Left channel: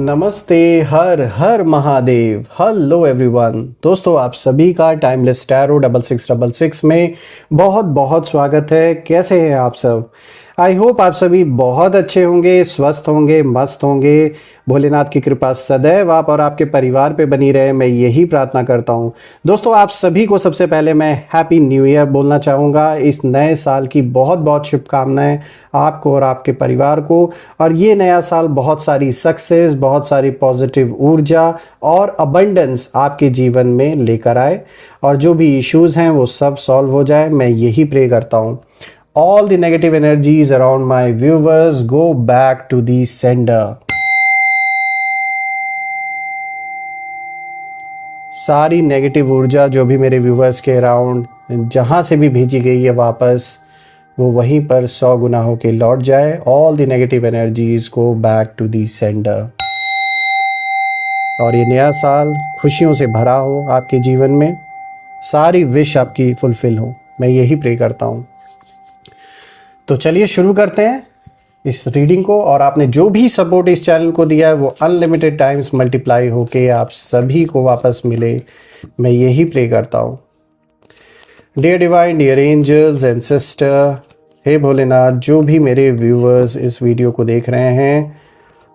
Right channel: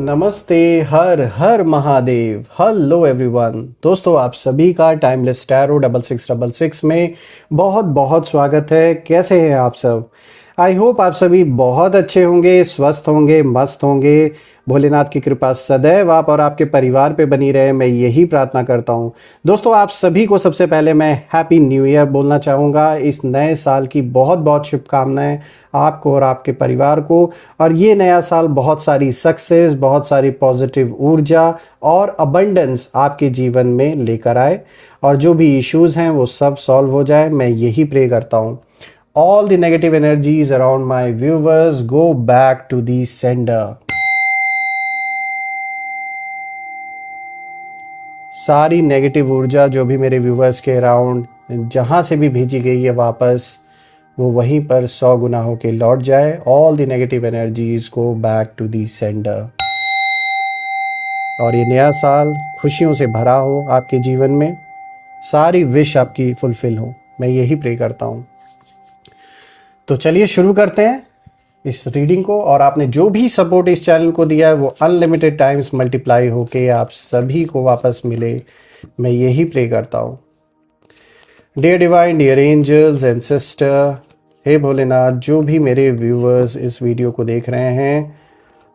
नमस्ते। हर हर महादेव। Hello everyone. दोस्तों, आप सभी का टाइमलेस टैरो 6666 में बहुत बहुत स्वागत है। कैसे हैं आप सब? आई होप आप सभी बहुत अच्छे होंगे, स्वस्थ होंगे, मस्त होंगे। भोलेनाथ की कृपा सदैव आप और आपके परिवार पे बनी रहे, मैं यही प्रार्थना करता हूँ। दोस्तों, आप सभी को सबसे पहले मैं हैप्पी न्यू ईयर बोलना चाहूँगा। इस नए साल की बहुत बहुत शुभकामनाएं आपको और आपके परिवार को। और ये नया साल बहुत सारी सक्सेस, बहुत सारी पॉजिटिव ऊर्जा और अबंडेंस आपके जीवन में लेकर आए, और जो भी इश्यूज हैं वो सब सॉल्व हो जाए, मैं यही प्रे करता हूँ। All the negative energies around my viewers go back to the sender. सारी नेगेटिव ऊर्जा जो भी मेरे व्यूवर्स के अराउंड जहाँ से भी भेजी गई है वापस, वो वहीं पर 100 गुना होके लौट जाए। All the negative energies go back to the sender. और ये नया साल खुशियों से भरा हो आपके जीवन में, सारी विश आपकी फुलफिल हो, मैं यही प्रे करता हूँ। तो चलिए शुरू करते हैं इस रीडिंग को। और आपने जो भी सपोर्ट इस चैनल को दिया है वो अनलिमिटेड टाइम्स मल्टीप्लाई होके आप सभी को वापस मिले, मैं यही प्रे करता हूँ। Dear divine, dear angels and sister, हे भोलेनाथ, जो भी मेरे व्यूअर्स इस वीडियो को देख रहे हैं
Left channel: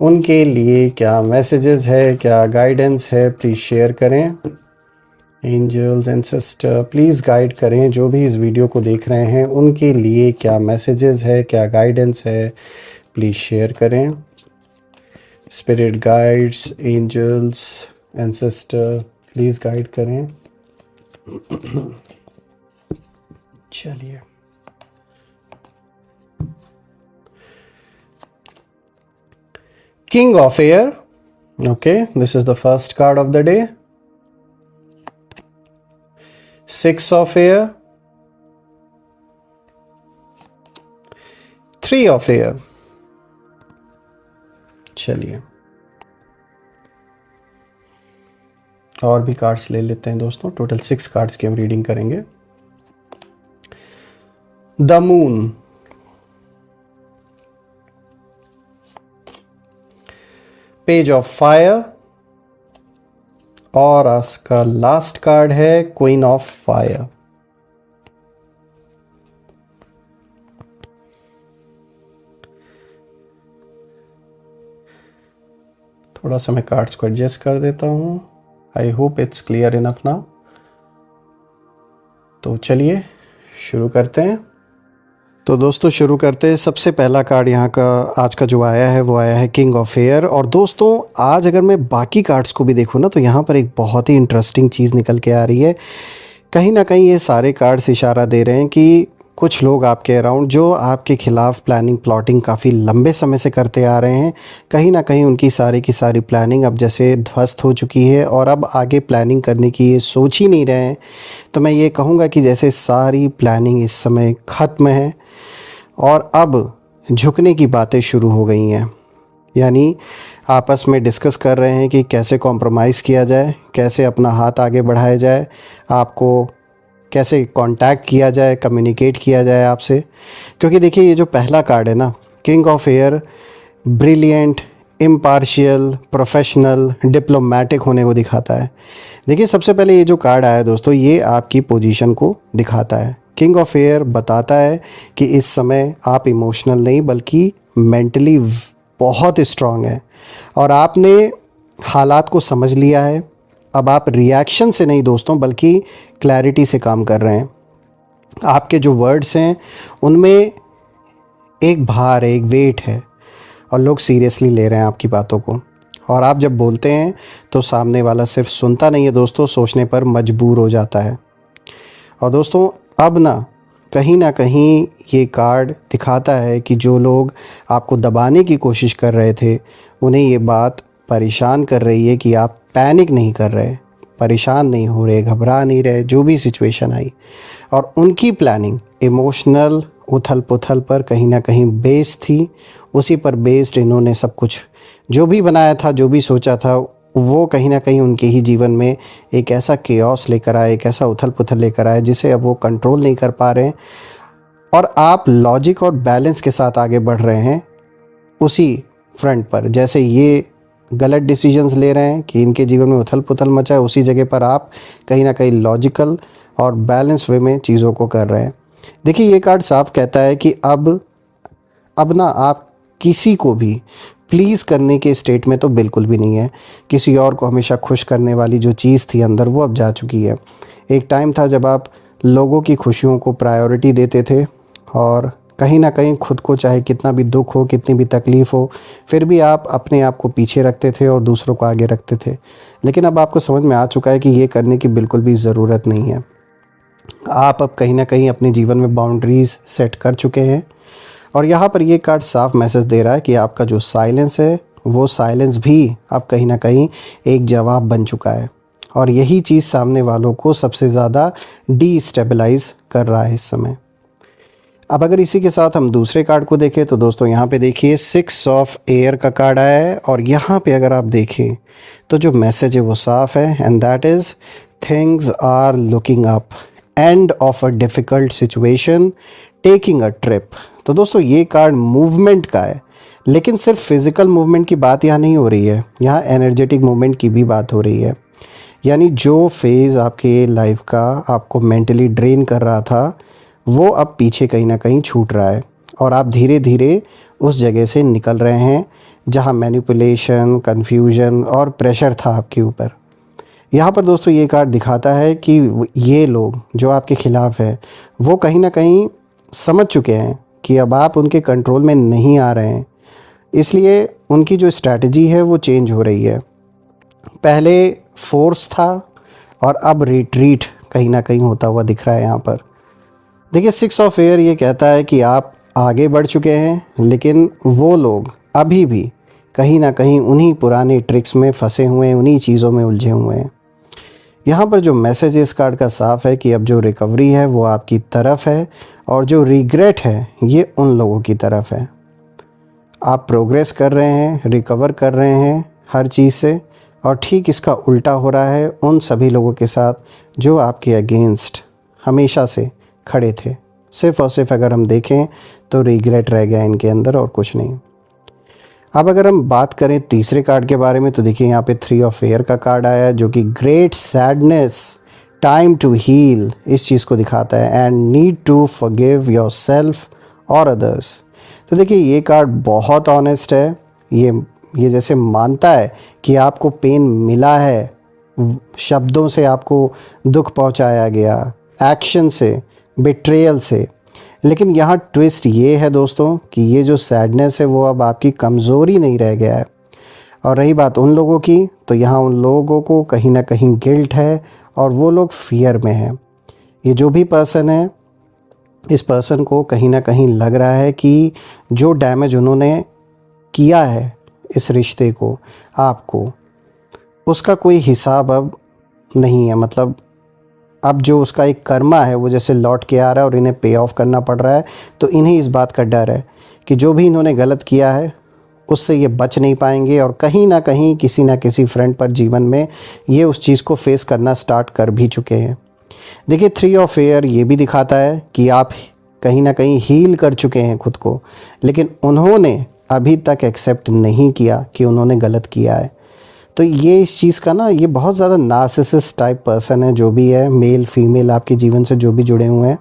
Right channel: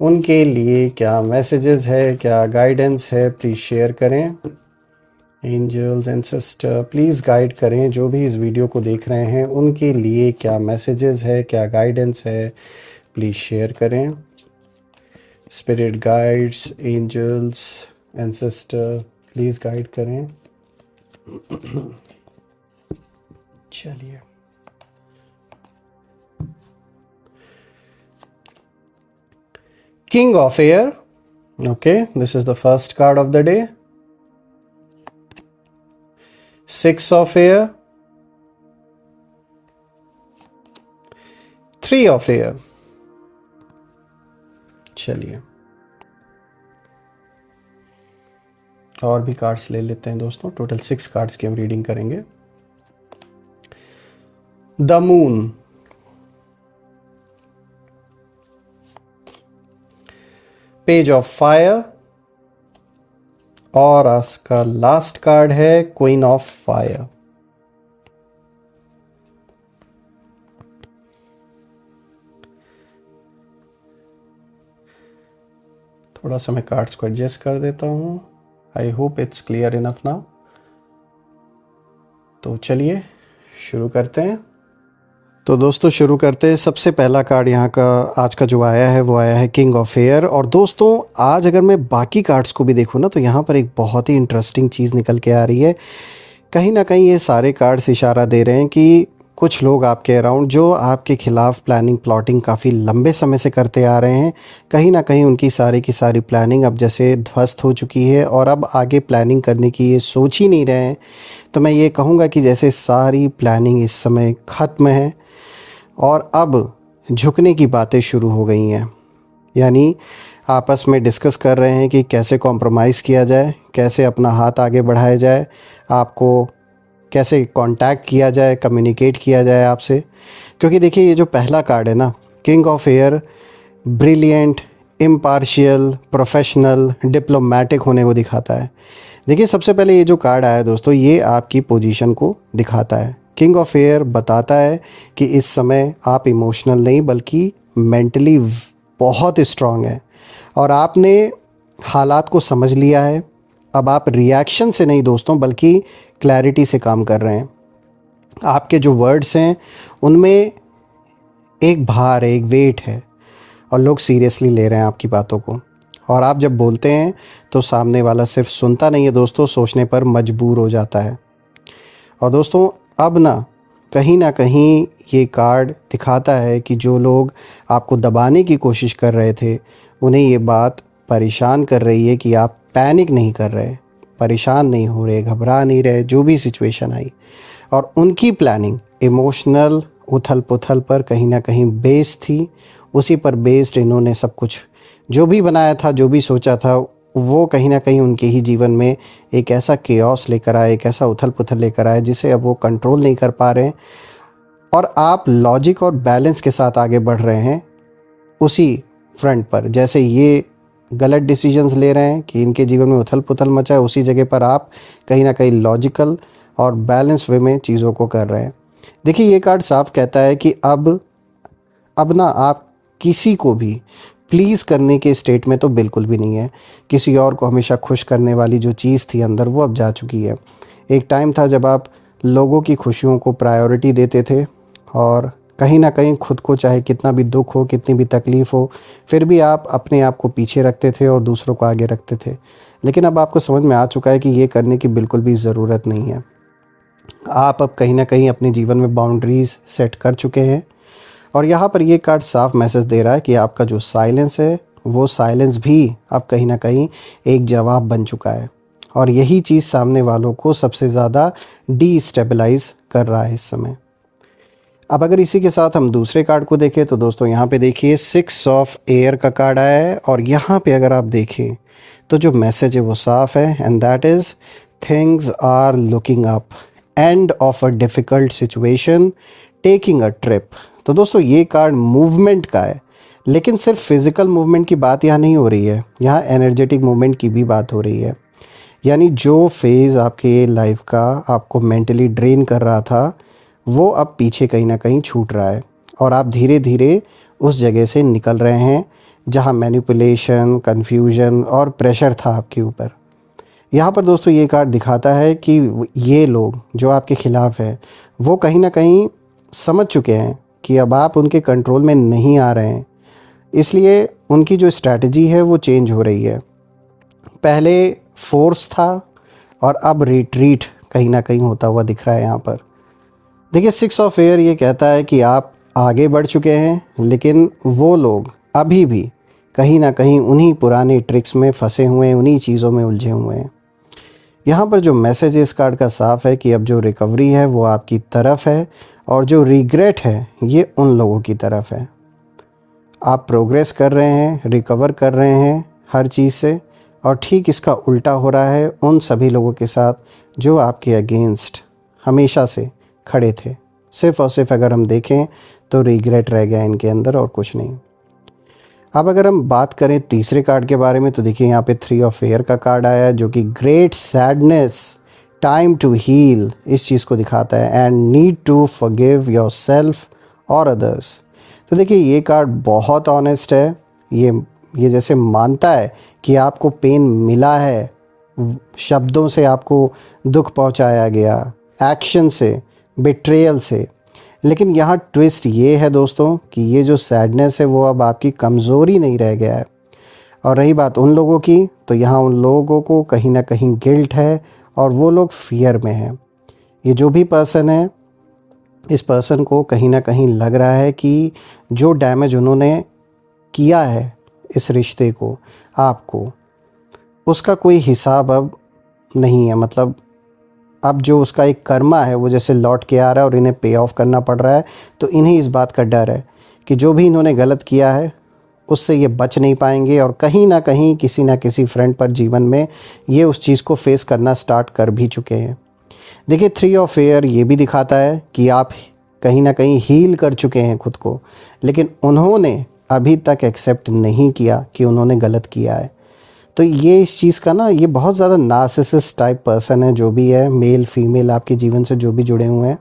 उनके लिए क्या मैसेजेस है, क्या गाइडेंस है, प्लीज़ शेयर करें। Angels and sister, please guide करें जो भी इस वीडियो को देख रहे हैं उनके लिए क्या मैसेजेस है, क्या गाइडेंस है, प्लीज़ शेयर करें। Spirit guides, angels and sister, please guide करें। चलिए, king of air. Okay, this is the first card of the day. 6 of air, 3 of air। चलिए, और भी कार्ड्स ले लेते हैं दोस्तों। टोटल 6 कार्ड्स की हम रीडिंग करेंगे। The moon, page of fire, और इसका लास्ट कार्ड है क्वीन ऑफ फायर। थोड़ा सा मैं कार्ड्स को एडजस्ट कर देता हूं। I hope it's clear enough now. तो चलिए शुरू करते हैं। तो दोस्तों शुरू करते हैं। सबसे पहला कार्ड यहाँ का आज का जो आया है वो आया है किंग ऑफ एयर। और दोस्तों आज अगर मैं बाकी कार्ड्स को भी देखूँ ना तो यहाँ पर एक बहुत ही इंटरेस्टिंग चीज़ निकल के आ रही है। कहीं ना कहीं ये सारे कार्ड्स इशारा दे रहे हैं कि कुछ लोग आपके अराउंड जो आपके खिलाफ प्लानिंग प्लॉटिंग काफ़ी लंबे समय से करते आ रहे हैं, कहीं ना कहीं उनकी सारी की सारी प्लानिंग अब जैसे ध्वस्त हो चुकी है और अब आगे प्लानिंग करने की ये सोच ही नहीं रहे हैं। तो मैं ये कहूँगा कि जैसे सारी प्लानिंग इस समय ख़त्म है और अब झुकने की बातें शुरू हो गई हैं। यानी आपस में डिस्कस कर रहे हैं कि कैसे कॉम्प्रोमाइज़ किया जाए, कैसे अपना हाथ आगे बढ़ाया जाए, आपको कैसे कांटेक्ट किया जाए, कम्युनिकेट किया जाए आपसे। क्योंकि देखिए ये जो पहला कार्ड है ना, king of air, brilliant, impartial, professional, diplomatic होने को दिखाता है। देखिए सबसे पहले ये जो कार्ड आया दोस्तों, ये आपकी पोजीशन को दिखाता है। किंग ऑफ एयर बताता है कि इस समय आप इमोशनल नहीं बल्कि मेंटली बहुत स्ट्रांग है और आपने हालात को समझ लिया है। अब आप रिएक्शन से नहीं दोस्तों बल्कि क्लैरिटी से काम कर रहे हैं। आपके जो वर्ड्स हैं उनमें एक भार है, एक वेट है और लोग सीरियसली ले रहे हैं आपकी बातों को। और आप जब बोलते हैं तो सामने वाला सिर्फ सुनता नहीं है दोस्तों, सोचने पर मजबूर हो जाता है। और दोस्तों अब ना कहीं ये कार्ड दिखाता है कि जो लोग आपको दबाने की कोशिश कर रहे थे उन्हें ये बात परेशान कर रही है कि आप पैनिक नहीं कर रहे, परेशान नहीं हो रहे, घबरा नहीं रहे जो भी सिचुएशन आई। और उनकी प्लानिंग इमोशनल उथल पुथल पर कहीं ना कहीं बेस्ड थी। उसी पर बेस्ड इन्होंने सब कुछ जो भी बनाया था, जो भी सोचा था, वो कहीं ना कहीं उनके ही जीवन में एक ऐसा केओस लेकर आए, एक ऐसा उथल पुथल लेकर आए जिसे अब वो कंट्रोल नहीं कर पा रहे हैं। और आप लॉजिक और बैलेंस के साथ आगे बढ़ रहे हैं उसी फ्रंट पर। जैसे ये गलत डिसीजंस ले रहे हैं, कि इनके जीवन में उथल पुथल मचा है, उसी जगह पर आप कहीं ना कहीं लॉजिकल और बैलेंस वे में चीज़ों को कर रहे हैं। देखिए, ये कार्ड साफ कहता है कि अब ना आप किसी को भी प्लीज़ करने के स्टेट में तो बिल्कुल भी नहीं है। किसी और को हमेशा खुश करने वाली जो चीज़ थी अंदर, वो अब जा चुकी है। एक टाइम था जब आप लोगों की खुशियों को प्रायोरिटी देते थे और कहीं ना कहीं खुद को, चाहे कितना भी दुख हो, कितनी भी तकलीफ़ हो, फिर भी आप अपने आप को पीछे रखते थे और दूसरों को आगे रखते थे। लेकिन अब आपको समझ में आ चुका है कि ये करने की बिल्कुल भी ज़रूरत नहीं है। आप अब कहीं ना कहीं अपने जीवन में बाउंड्रीज़ सेट कर चुके हैं। और यहाँ पर ये कार्ड साफ मैसेज दे रहा है कि आपका जो साइलेंस है, वो साइलेंस भी अब कहीं ना कहीं एक जवाब बन चुका है। और यही चीज़ सामने वालों को सबसे ज़्यादा डीस्टेबलाइज कर रहा है इस समय। अब अगर इसी के साथ हम दूसरे कार्ड को देखें तो दोस्तों यहाँ पे देखिए 6 ऑफ एयर का कार्ड आया है। और यहाँ पे अगर आप देखें तो जो मैसेज है वो साफ है, and that is things are looking up, end of a difficult situation, taking a trip. तो दोस्तों ये कार्ड मूवमेंट का है, लेकिन सिर्फ फिज़िकल मूवमेंट की बात यहाँ नहीं हो रही है, यहाँ एनर्जेटिक मूवमेंट की भी बात हो रही है। यानी जो फेज़ आपके लाइफ का आपको मेंटली ड्रेन कर रहा था, वो अब पीछे कहीं ना कहीं छूट रहा है और आप धीरे धीरे उस जगह से निकल रहे हैं जहाँ मैनिपुलेशन, कन्फ्यूजन और प्रेशर था आपके ऊपर। यहाँ पर दोस्तों ये कार्ड दिखाता है कि ये लोग जो आपके ख़िलाफ़ है, वो कहीं ना कहीं समझ चुके हैं कि अब आप उनके कंट्रोल में नहीं आ रहे हैं, इसलिए उनकी जो स्ट्रैटेजी है वो चेंज हो रही है। पहले फोर्स था और अब रिट्रीट कहीं ना कहीं होता हुआ दिख रहा है यहाँ पर। देखिए 6 ऑफ एयर ये कहता है कि आप आगे बढ़ चुके हैं, लेकिन वो लोग अभी भी कहीं ना कहीं उन्हीं पुराने ट्रिक्स में फंसे हुए हैं, उन्हीं चीज़ों में उलझे हुए हैं। यहाँ पर जो मैसेज इस कार्ड का साफ है कि अब जो रिकवरी है वो आपकी तरफ है और जो रिग्रेट है ये उन लोगों की तरफ है। आप प्रोग्रेस कर रहे हैं, रिकवर कर रहे हैं हर चीज़ से, और ठीक इसका उल्टा हो रहा है उन सभी लोगों के साथ जो आपके अगेंस्ट हमेशा से खड़े थे। सिर्फ और सिर्फ अगर हम देखें तो रिग्रेट रह गया इनके अंदर और कुछ नहीं। अब अगर हम बात करें तीसरे कार्ड के बारे में तो देखिए यहाँ पे 3 ऑफ एयर का कार्ड आया है, जो कि great sadness, time to heal, इस चीज़ को दिखाता है, and need to forgive yourself और अदर्स। तो देखिए ये कार्ड बहुत ऑनेस्ट है। ये जैसे मानता है कि आपको पेन मिला है, शब्दों से आपको दुख पहुंचाया गया, एक्शन से, बिट्रेयल से। लेकिन यहाँ ट्विस्ट ये है दोस्तों कि ये जो सैडनेस है वो अब आपकी कमज़ोरी नहीं रह गया है। और रही बात उन लोगों की, तो यहाँ उन लोगों को कहीं ना कहीं गिल्ट है और वो लोग फियर में है। ये जो भी पर्सन है, इस पर्सन को कहीं ना कहीं लग रहा है कि जो डैमेज उन्होंने किया है इस रिश्ते को, आपको, उसका कोई हिसाब अब नहीं है। मतलब अब जो उसका एक कर्मा है वो जैसे लौट के आ रहा है और इन्हें पे ऑफ करना पड़ रहा है। तो इन्हें इस बात का डर है कि जो भी इन्होंने गलत किया है उससे ये बच नहीं पाएंगे और कहीं ना कहीं किसी ना किसी फ्रंट पर जीवन में ये उस चीज़ को फेस करना स्टार्ट कर भी चुके हैं। देखिए 3 ऑफ एयर ये भी दिखाता है कि आप कहीं ना कहीं हील कर चुके हैं खुद को, लेकिन उन्होंने अभी तक एक्सेप्ट नहीं किया कि उन्होंने गलत किया है। तो ये इस चीज़ का ना, ये बहुत ज़्यादा नार्सिसिस्ट टाइप पर्सन है, जो भी है, मेल फीमेल आपके जीवन से जो भी जुड़े हुए हैं,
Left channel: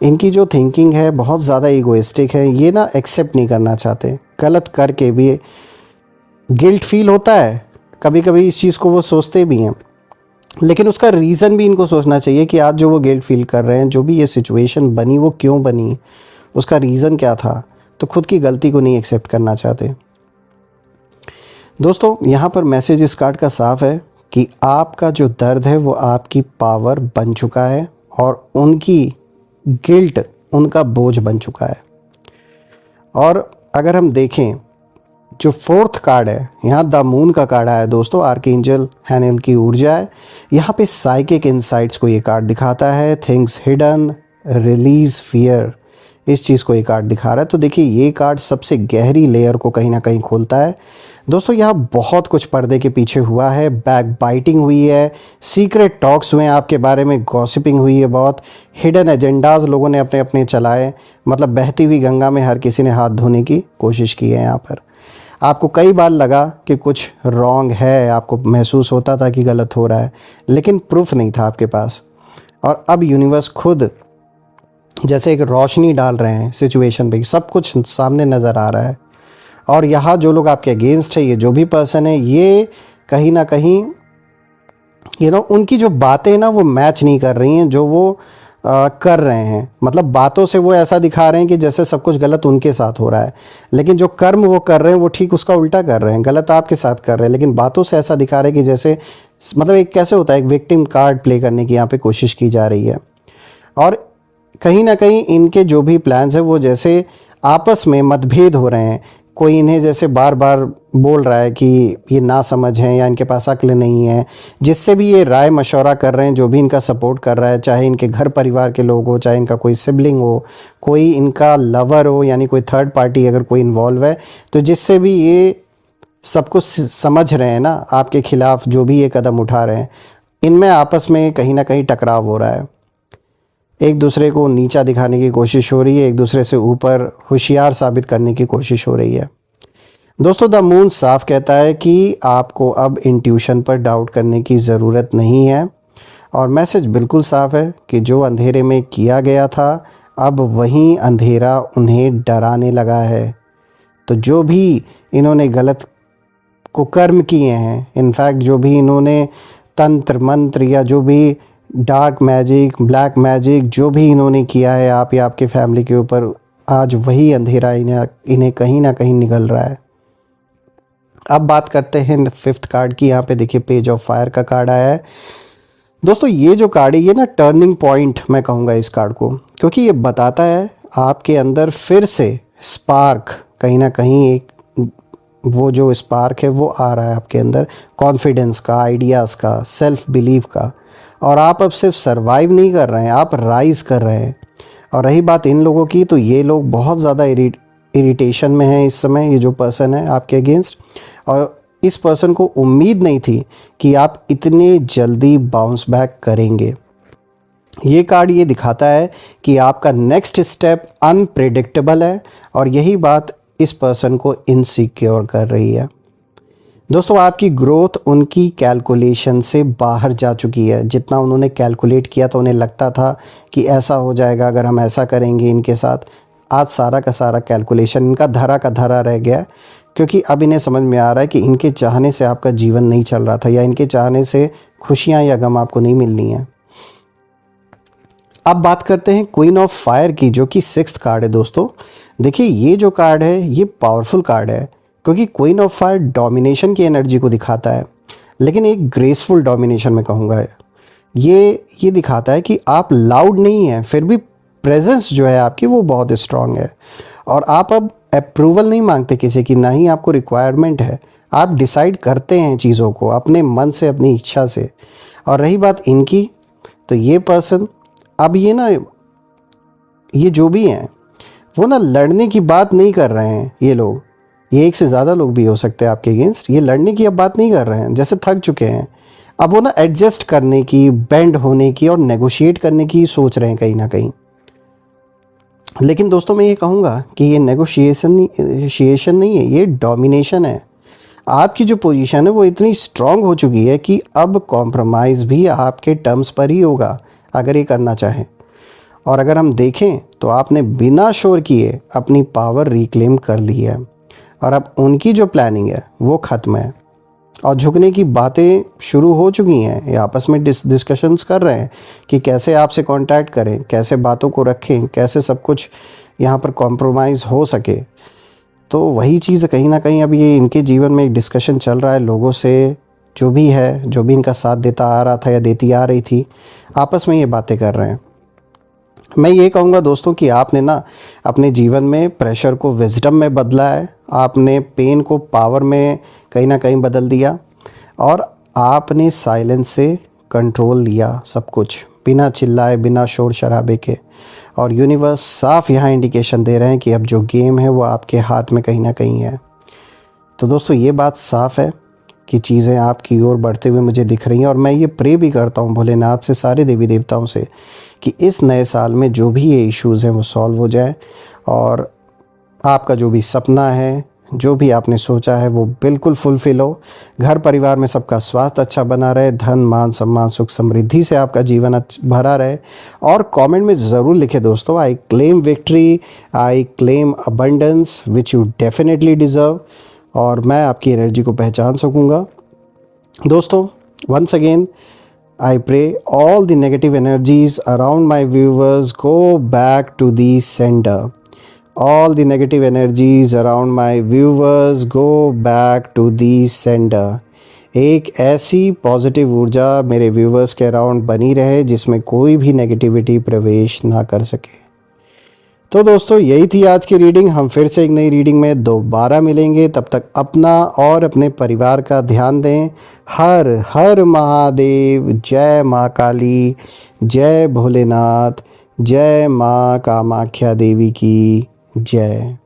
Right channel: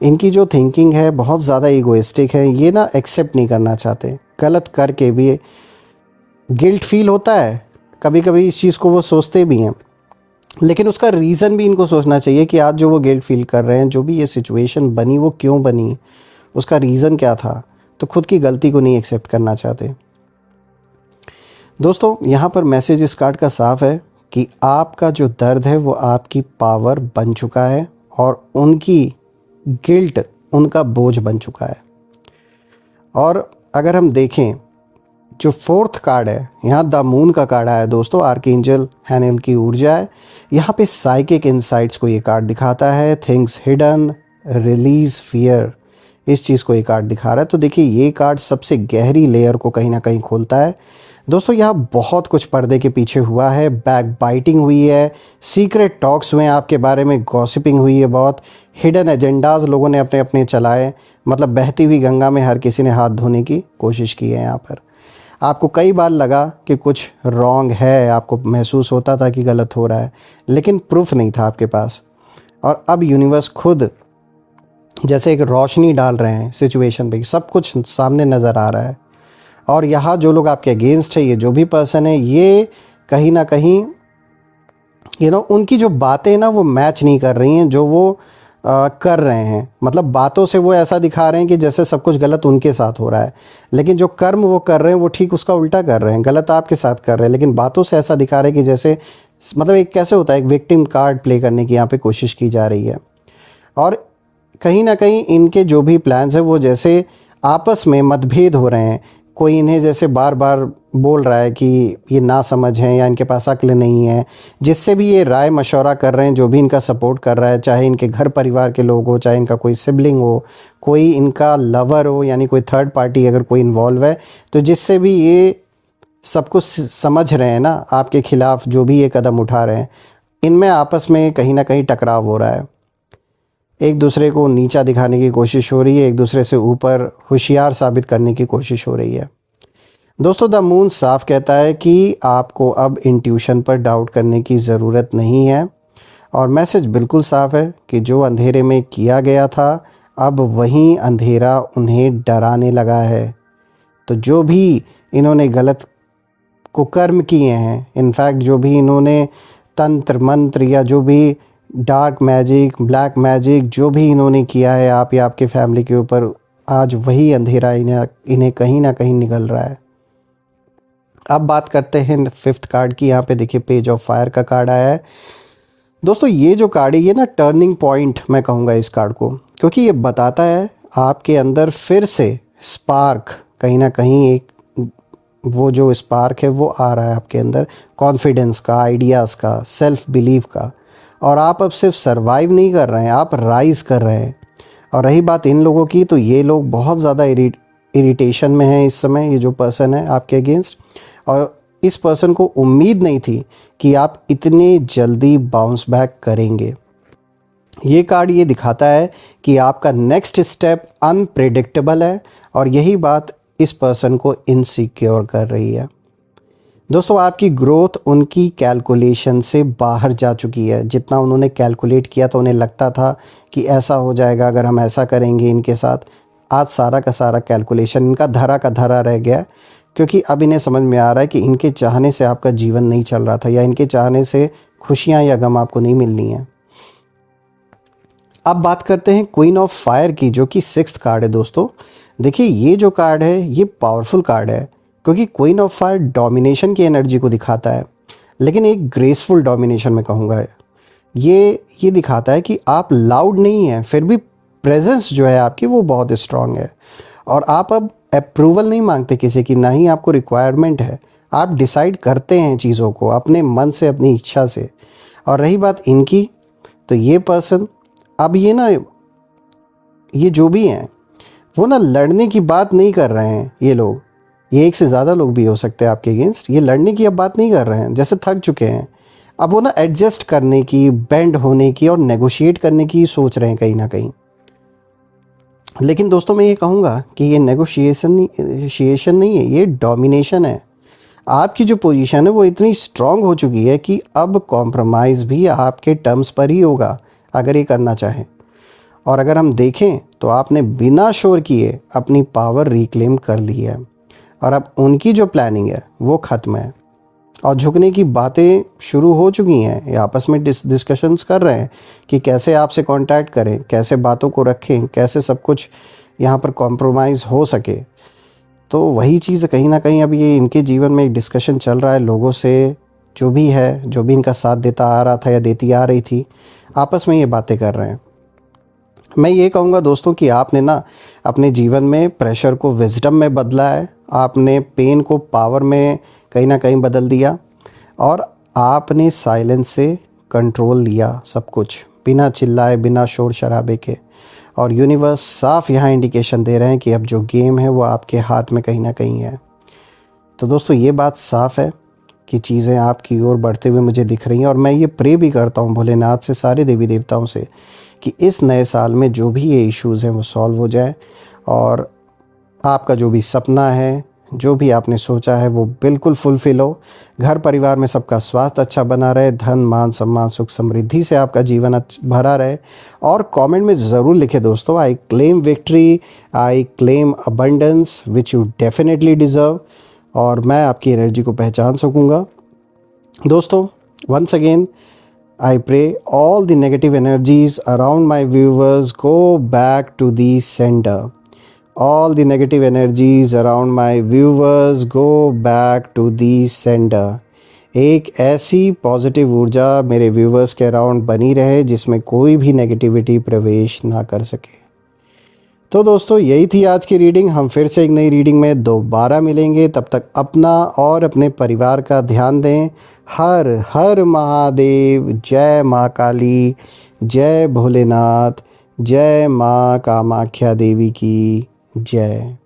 इनकी जो थिंकिंग है बहुत ज़्यादा ईगोइस्टिक है। ये ना एक्सेप्ट नहीं करना चाहते, गलत करके भी गिल्ट फील होता है, कभी कभी इस चीज़ को वो सोचते भी हैं, लेकिन उसका रीज़न भी इनको सोचना चाहिए कि आज जो वो गिल्ट फील कर रहे हैं, जो भी ये सिचुएशन बनी वो क्यों बनी, उसका रीज़न क्या था। तो खुद की गलती को नहीं एक्सेप्ट करना चाहते। दोस्तों यहाँ पर मैसेज इस कार्ड का साफ है कि आपका जो दर्द है वो आपकी पावर बन चुका है और उनकी गिल्ट उनका बोझ बन चुका है। और अगर हम देखें जो 4th कार्ड है, यहाँ द मून का कार्ड आया है दोस्तों, आर्कएंजल हैनेल की ऊर्जा है। यहाँ पे साइकिक इनसाइट्स को ये कार्ड दिखाता है, थिंग्स हिडन, रिलीज फियर, इस चीज़ को ये कार्ड दिखा रहा है। तो देखिए ये कार्ड सबसे गहरी लेयर को कहीं ना कहीं खोलता है। दोस्तों यहाँ बहुत कुछ पर्दे के पीछे हुआ है, बैक बाइटिंग हुई है, सीक्रेट टॉक्स हुए हैं आपके बारे में, गॉसिपिंग हुई है, बहुत हिडन एजेंडाज लोगों ने अपने अपने चलाए। मतलब बहती हुई गंगा में हर किसी ने हाथ धोने की कोशिश की है यहाँ पर। आपको कई बार लगा कि कुछ रॉन्ग है, आपको महसूस होता था कि गलत हो रहा है, लेकिन प्रूफ नहीं था आपके पास। और अब यूनिवर्स खुद जैसे एक रोशनी डाल रहे हैं सिचुएशन पे, सब कुछ सामने नज़र आ रहा है। और यहाँ जो लोग आपके अगेंस्ट है, ये जो भी पर्सन है, ये कहीं ना कहीं उनकी जो बातें ना वो मैच नहीं कर रही हैं जो वो कर रहे हैं। मतलब बातों से वो ऐसा दिखा रहे हैं कि जैसे सब कुछ गलत उनके साथ हो रहा है, लेकिन जो कर्म वो कर रहे हैं वो ठीक उसका उल्टा कर रहे हैं, गलत आपके साथ कर रहे हैं, लेकिन बातों से ऐसा दिखा रहे हैं कि जैसे मतलब एक कैसे होता है, एक विक्टिम कार्ड प्ले करने की यहाँ पे कोशिश की जा रही है। और कहीं ना कहीं इनके जो भी प्लान्स हैं वो जैसे आपस में मतभेद हो रहे हैं। कोई इन्हें जैसे बार बार बोल रहा है कि ये ना समझ हैं या इनके पास अक्ल नहीं है, जिससे भी ये राय मशवरा कर रहे हैं, जो भी इनका सपोर्ट कर रहा है, चाहे इनके घर परिवार के लोग हो, चाहे इनका कोई सिबलिंग हो, कोई इनका लवर हो, यानी कोई थर्ड पार्टी अगर कोई इन्वॉल्व है, तो जिससे भी ये सब कुछ समझ रहे हैं ना आपके खिलाफ, जो भी ये कदम उठा रहे हैं, इनमें आपस में कहीं ना कहीं टकराव हो रहा है। एक दूसरे को नीचा दिखाने की कोशिश हो रही है, एक दूसरे से ऊपर होशियार साबित करने की कोशिश हो रही है। दोस्तों, द मून साफ कहता है कि आपको अब इंट्यूशन पर डाउट करने की ज़रूरत नहीं है, और मैसेज बिल्कुल साफ है कि जो अंधेरे में किया गया था, अब वही अंधेरा उन्हें डराने लगा है। तो जो भी इन्होंने गलत को कर्म किए हैं, इनफैक्ट जो भी इन्होंने तंत्र मंत्र या जो भी डार्क मैजिक, ब्लैक मैजिक जो भी इन्होंने किया है आप या आपके फैमिली के ऊपर, आज वही अंधेरा इन्हें कहीं ना कहीं निगल रहा है। अब बात करते हैं फिफ्थ कार्ड की। यहाँ पे देखिए पेज ऑफ फायर का कार्ड आया है। दोस्तों, ये जो कार्ड है ये ना टर्निंग पॉइंट मैं कहूँगा इस कार्ड को, क्योंकि ये बताता है आपके अंदर फिर से स्पार्क, कहीं ना कहीं एक वो जो स्पार्क है वो आ रहा है आपके अंदर, कॉन्फिडेंस का, आइडियाज़ का, सेल्फ बिलीव का। और आप अब सिर्फ सरवाइव नहीं कर रहे हैं, आप राइज कर रहे हैं। और रही बात इन लोगों की, तो ये लोग बहुत ज़्यादा इरिटेशन में हैं इस समय, ये जो पर्सन है आपके अगेंस्ट। और इस पर्सन को उम्मीद नहीं थी कि आप इतने जल्दी बाउंस बैक करेंगे। ये कार्ड ये दिखाता है कि आपका नेक्स्ट स्टेप अनप्रेडिक्टेबल है, और यही बात इस पर्सन को इनसिक्योर कर रही है। दोस्तों, आपकी ग्रोथ उनकी कैलकुलेशन से बाहर जा चुकी है। जितना उन्होंने कैलकुलेट किया तो उन्हें लगता था कि ऐसा हो जाएगा अगर हम ऐसा करेंगे इनके साथ, आज सारा का सारा कैलकुलेशन इनका धरा का धरा रह गया, क्योंकि अब इन्हें समझ में आ रहा है कि इनके चाहने से आपका जीवन नहीं चल रहा था, या इनके चाहने से खुशियाँ या गम आपको नहीं मिलनी है। अब बात करते हैं क्वीन ऑफ फायर की, जो कि सिक्स्थ कार्ड है। दोस्तों देखिए, ये जो कार्ड है ये पावरफुल कार्ड है, क्योंकि क्वीन ऑफ फायर डोमिनेशन की एनर्जी को दिखाता है, लेकिन एक ग्रेसफुल डोमिनेशन में कहूँगा। ये दिखाता है कि आप लाउड नहीं हैं, फिर भी प्रेजेंस जो है आपकी वो बहुत स्ट्रांग है। और आप अब अप्रूवल नहीं मांगते किसी की, ना ही आपको रिक्वायरमेंट है, आप डिसाइड करते हैं चीज़ों को अपने मन से, अपनी इच्छा से। और रही बात इनकी, तो ये पर्सन अब ये जो भी हैं वो ना लड़ने की बात नहीं कर रहे हैं। ये लोग, ये एक से ज़्यादा लोग भी हो सकते हैं आपके अगेंस्ट, ये लड़ने की अब बात नहीं कर रहे हैं, जैसे थक चुके हैं। अब वो ना एडजस्ट करने की, बेंड होने की और नेगोशिएट करने की सोच रहे हैं कहीं ना कहीं। लेकिन दोस्तों, मैं ये कहूँगा कि ये नेगोशिएशन नहीं है, ये डोमिनेशन है। आपकी जो पोजीशन है वो इतनी स्ट्रांग हो चुकी है कि अब कॉम्प्रोमाइज़ भी आपके टर्म्स पर ही होगा अगर ये करना चाहें। और अगर हम देखें तो आपने बिना शोर किए अपनी पावर रिक्लेम कर ली है, और अब उनकी जो प्लानिंग है वो ख़त्म है, और झुकने की बातें शुरू हो चुकी हैं। ये आपस में डिस्कशंस कर रहे हैं कि कैसे आपसे कांटेक्ट करें, कैसे बातों को रखें, कैसे सब कुछ यहाँ पर कॉम्प्रोमाइज़ हो सके। तो वही चीज़ कहीं ना कहीं अब ये इनके जीवन में एक डिस्कशन चल रहा है लोगों से, जो भी है, जो भी इनका साथ देता आ रहा था या देती आ रही थी, आपस में ये बातें कर रहे हैं। मैं ये कहूँगा दोस्तों कि आपने ना अपने जीवन में प्रेशर को विजडम में बदला है, आपने पेन को पावर में कहीं ना कहीं बदल दिया, और आपने साइलेंस से कंट्रोल लिया सब कुछ, बिना चिल्लाए, बिना शोर शराबे के। और यूनिवर्स साफ यहाँ इंडिकेशन दे रहे हैं कि अब जो गेम है वो आपके हाथ में कहीं ना कहीं है। तो दोस्तों, ये बात साफ है कि चीज़ें आपकी ओर बढ़ते हुए मुझे दिख रही हैं, और मैं ये प्रे भी करता हूँ भोलेनाथ से, सारे देवी देवताओं से, कि इस नए साल में जो भी ये इश्यूज़ हैं वो सॉल्व हो जाए, और आपका जो भी सपना है, जो भी आपने सोचा है वो बिल्कुल फुलफिल हो। घर परिवार में सबका स्वास्थ्य अच्छा बना रहे, धन मान सम्मान सुख समृद्धि से आपका जीवन भरा रहे। और कमेंट में ज़रूर लिखे दोस्तों, I claim victory, I claim abundance which you definitely deserve, और मैं आपकी एनर्जी को पहचान सकूँगा। दोस्तों, once again, I pray all the negative energies around my viewers go back to the sender. All the negative energies around my viewers go back to the sender. एक ऐसी positive ऊर्जा मेरे व्यूवर्स के around बनी रहे जिसमें कोई भी नेगेटिविटी प्रवेश ना कर सके। तो दोस्तों, यही थी आज की रीडिंग। हम फिर से एक नई रीडिंग में दोबारा मिलेंगे। तब तक अपना और अपने परिवार का ध्यान दें। हर हर महादेव। जय माँ काली, जय भोलेनाथ, जय माँ कामाख्या देवी की जय।